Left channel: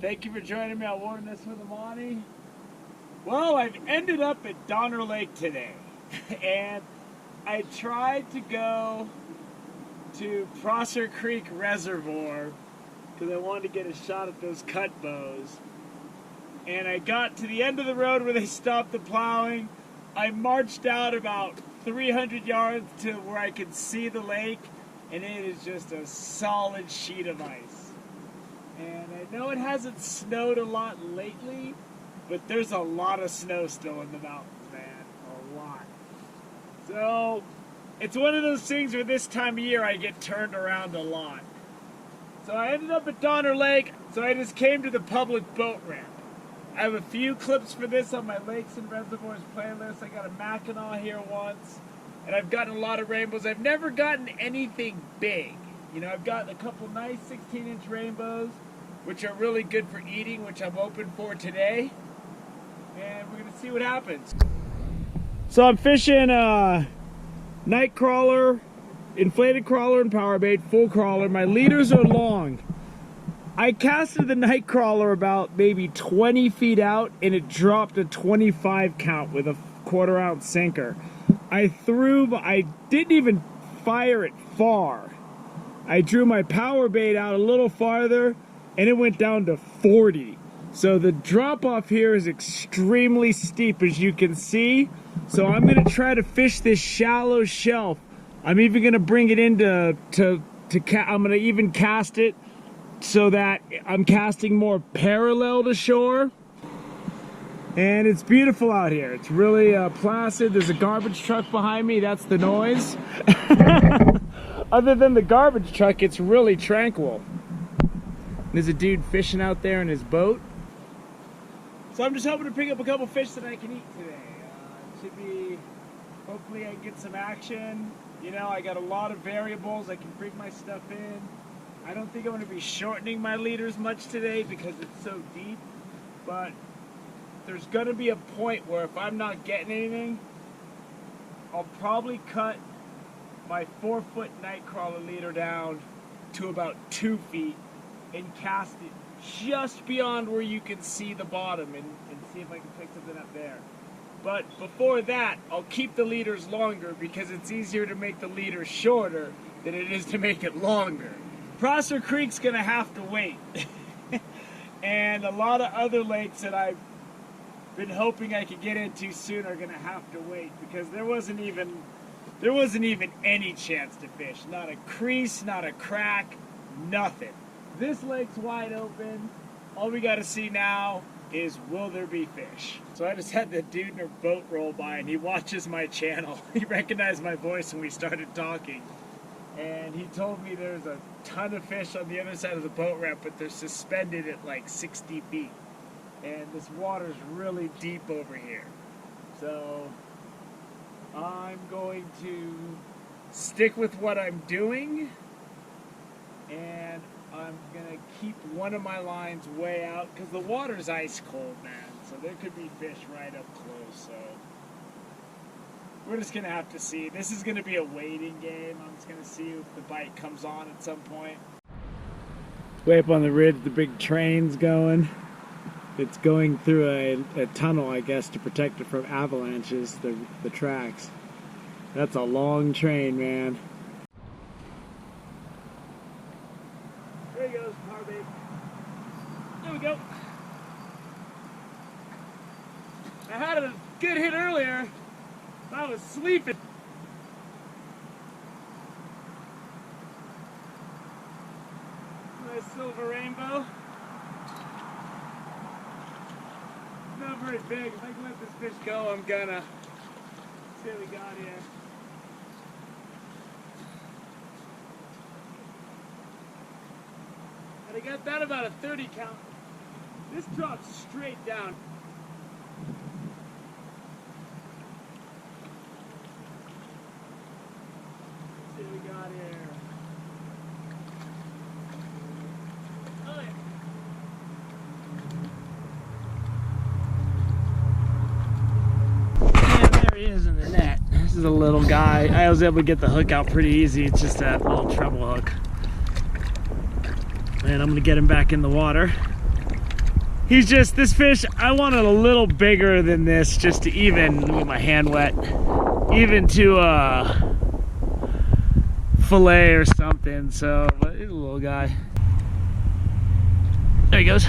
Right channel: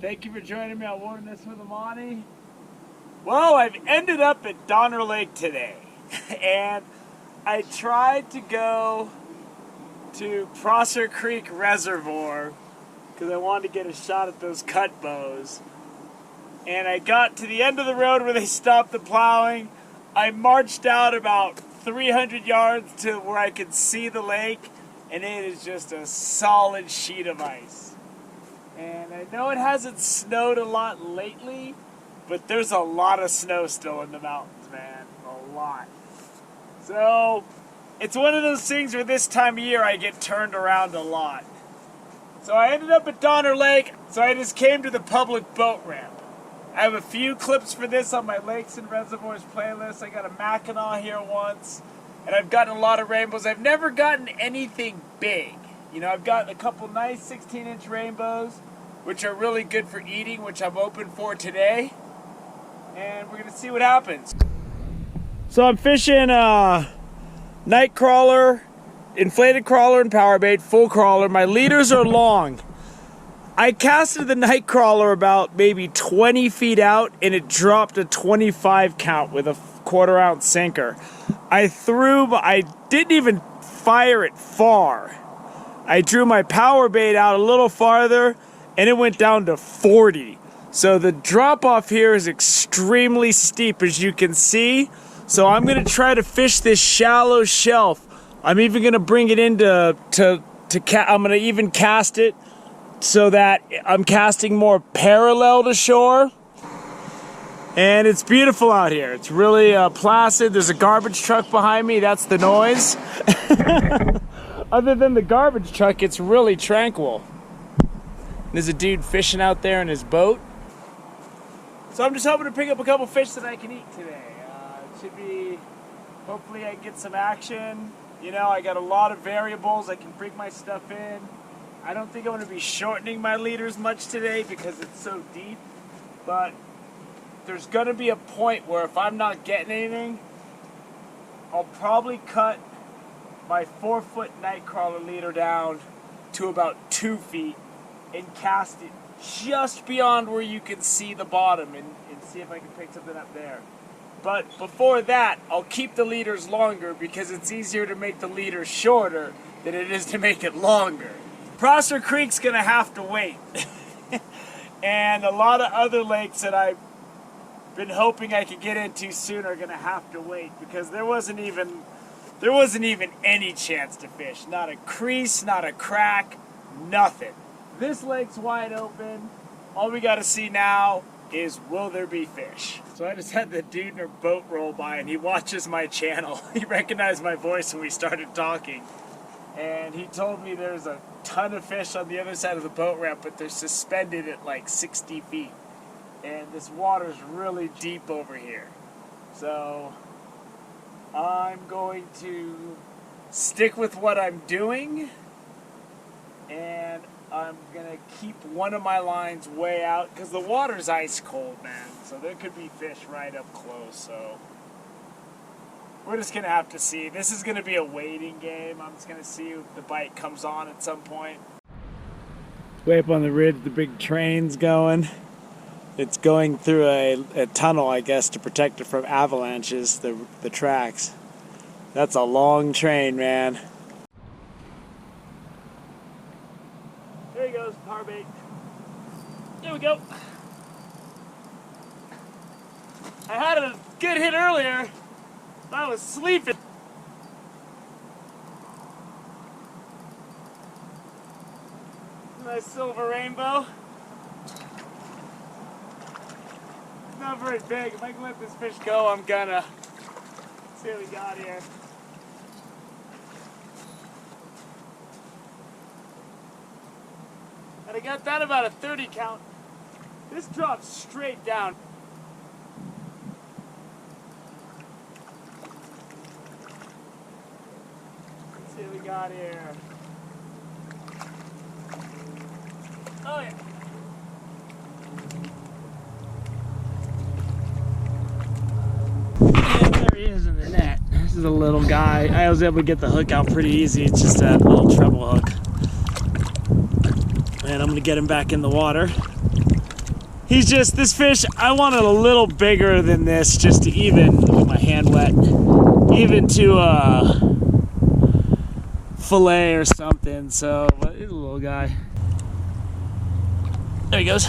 Thank you for joining me on Wilderness with Amani. Well, I've ended up at Donner Lake today, and I tried to go to Prosser Creek Reservoir because I wanted to get a shot at those cut bows. And I got to the end of the road where they stopped the plowing. I marched out about 300 yards to where I could see the lake, and it is just a solid sheet of ice. And I know it hasn't snowed a lot lately, but there's a lot of snow still in the mountains, man. A lot. So, it's one of those things where this time of year I get turned around a lot. So I ended up at Donner Lake, so I just came to the public boat ramp. I have a few clips for this on my Lakes and Reservoirs playlist. I got a Mackinac here once, and I've gotten a lot of rainbows. I've never gotten anything big. You know, I've gotten a couple nice 16-inch rainbows, which are really good for eating, which I'm open for today. And we're going to see what happens. So I'm fishing night crawler, inflated crawler and power bait, full crawler. My leaders are long. I casted the night crawler about maybe 20 feet out, and it dropped a 25 count with a 1/4 ounce sinker. I didn't even fire it far. I drew my power bait out a little farther, and it went down to 40. So the drop off here is extremely steep, as you can see. So I'm gonna try to fish this shallow shelf. I'm even gonna bring it in I'm gonna even cast it so that I'm casting more parallel to shore. And it's beautiful out here. It's really placid. There's a garbage truck behind me. That's the noise. Other than the garbage truck, it's really tranquil. There's a dude fishing out there in his boat. So I'm just hoping to pick up a couple fish that I can eat today. It should be, hopefully I can get some action. You know, I got a lot of variables. I can bring my stuff in. I don't think I'm going to be shortening my leaders much today because it's so deep. But there's going to be a point where if I'm not getting anything, I'll probably cut my 4-foot nightcrawler leader down to about 2 feet and cast it just beyond where you can see the bottom and see if I can pick something up there. But before that, I'll keep the leaders longer because it's easier to make the leader shorter than it is to make it longer. Prosser Creek's gonna have to wait. And a lot of other lakes that I've been hoping I could get into soon are gonna have to wait because there wasn't even any chance to fish. Not a crease, not a crack, nothing. This lake's wide open. All we gotta see now is, will there be fish? So I just had the dude in our boat roll by, and he watches my channel. He recognized my voice when we started talking. And he told me there's a ton of fish on the other side of the boat ramp, but they're suspended at like 60 feet. And this water's really deep over here. So I'm going to stick with what I'm doing, and I'm gonna keep one of my lines way out because the water's ice cold, man. So there could be fish right up close. So we're just gonna have to see. This is gonna be a waiting game. I'm just gonna see if the bite comes on at some point. Way up on the ridge, the big train's going. It's going through a tunnel, I guess, to protect it from avalanches, the tracks. That's a long train, man. There he goes, power bait. There we go. I had a good hit earlier. I was sleeping. Nice silver rainbow. Not very big. If I can let this fish go, I'm gonna. Let's see what we got here. And I got that about a 30 count. This drops straight down. Let's see what we got here. Oh yeah. And there he is in the net. This is a little guy. I was able to get the hook out pretty easy. It's just a little treble hook. And I'm gonna get him back in the water. He's just, this fish, I wanted a little bigger than this just to even, let me get my hand wet, even to fillet or something. So, but he's a little guy. There he goes.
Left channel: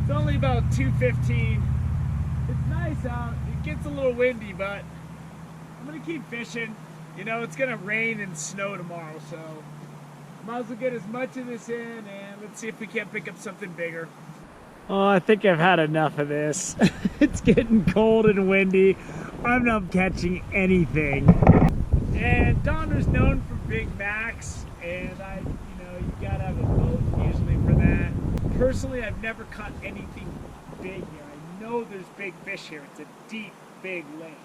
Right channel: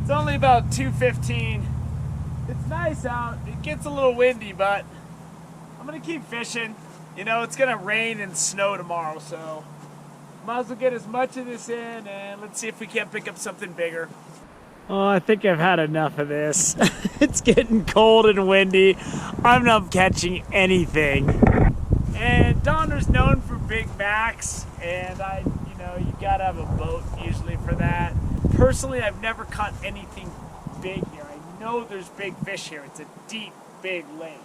It's only about 2:15. It's nice out. It gets a little windy, but I'm gonna keep fishing. You know, it's gonna rain and snow tomorrow, so might as well get as much of this in, and let's see if we can't pick up something bigger. Oh, I think I've had enough of this. It's getting cold and windy. I'm not catching anything. And Donner's known for Big Macs, and you know, you gotta have a boat usually for that. Personally, I've never caught anything big here. I know there's big fish here. It's a deep, big lake.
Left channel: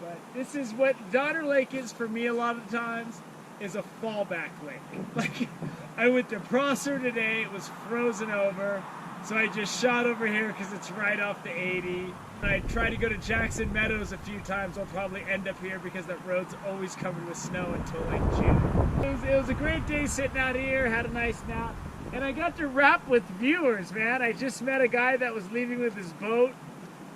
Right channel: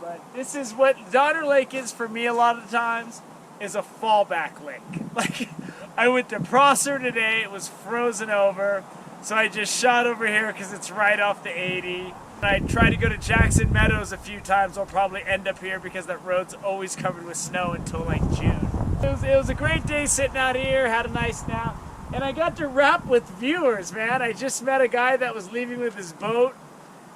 But this is what Donner Lake is for me a lot of the times, is a fallback lake. Like, I went to Prosser today, it was frozen over, so I just shot over here because it's right off the 80. I tried to go to Jackson Meadows a few times. I'll probably end up here because that road's always covered with snow until like June. It was a great day sitting out here, had a nice nap, and I got to rap with viewers, man. I just met a guy that was leaving with his boat,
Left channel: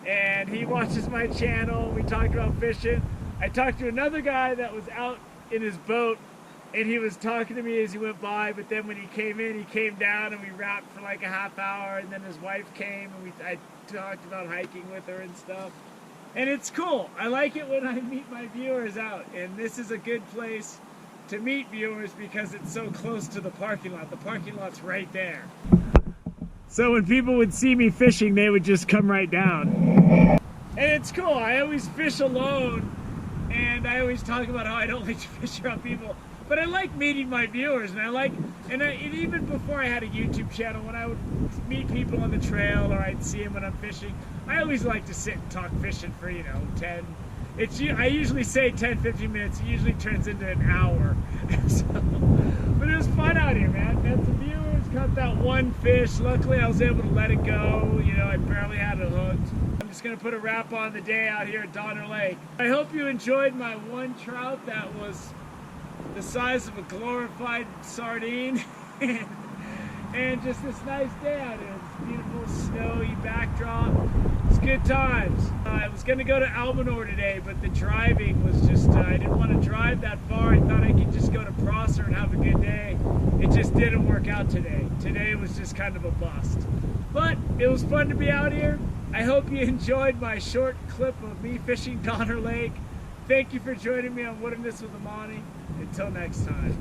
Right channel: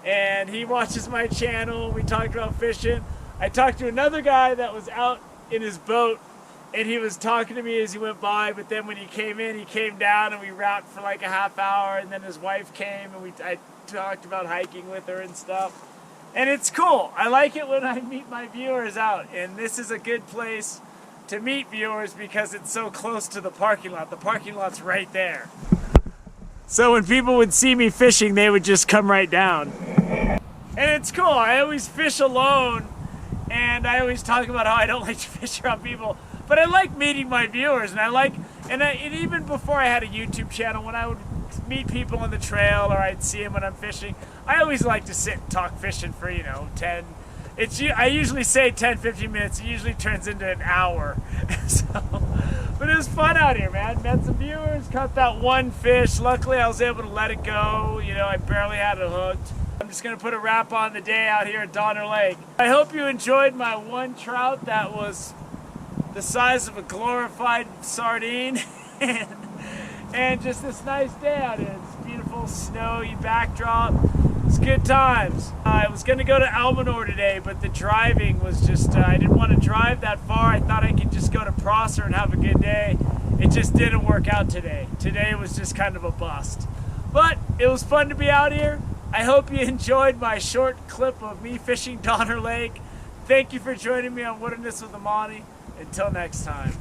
and he watches my channel. We talked about fishing. I talked to another guy that was out in his boat, and he was talking to me as he went by, but then when he came in, he came down and we rapped for like a half hour, and then his wife came and I talked about hiking with her and stuff. And it's cool. I like it when I meet my viewers out, and this is a good place to meet viewers because it's so close to the parking lot. The parking lot's right there. So when people would see me fishing, they would just come right down. And it's cool. I always fish alone, and I always talk about how I don't like to fish around people. But I like meeting my viewers, and even before I had a YouTube channel, when I would meet people on the trail or I'd see them when I'm fishing, I always like to sit and talk fishing for, you know, I usually say 10, 15 minutes. It usually turns into an hour. But it was fun out here, man. Met some viewers, caught that one fish. Luckily, I was able to let it go. You know, I barely had it hooked. I'm just gonna put a wrap on the day out here at Donner Lake. I hope you enjoyed my one trout that was the size of a glorified sardine. And just this nice day out here. This beautiful snowy backdrop. It's good times. I was going to go to Almanor today, but the driving was just, I didn't want to drive that far. I thought I could just go to Prosser and have a good day. It just didn't work out today. Today was just kind of a bust. But it was fun to be out here. I hope you enjoyed my short clip of me fishing Donner Lake. Thank you for joining me on Wilderness with Amani. Until next time.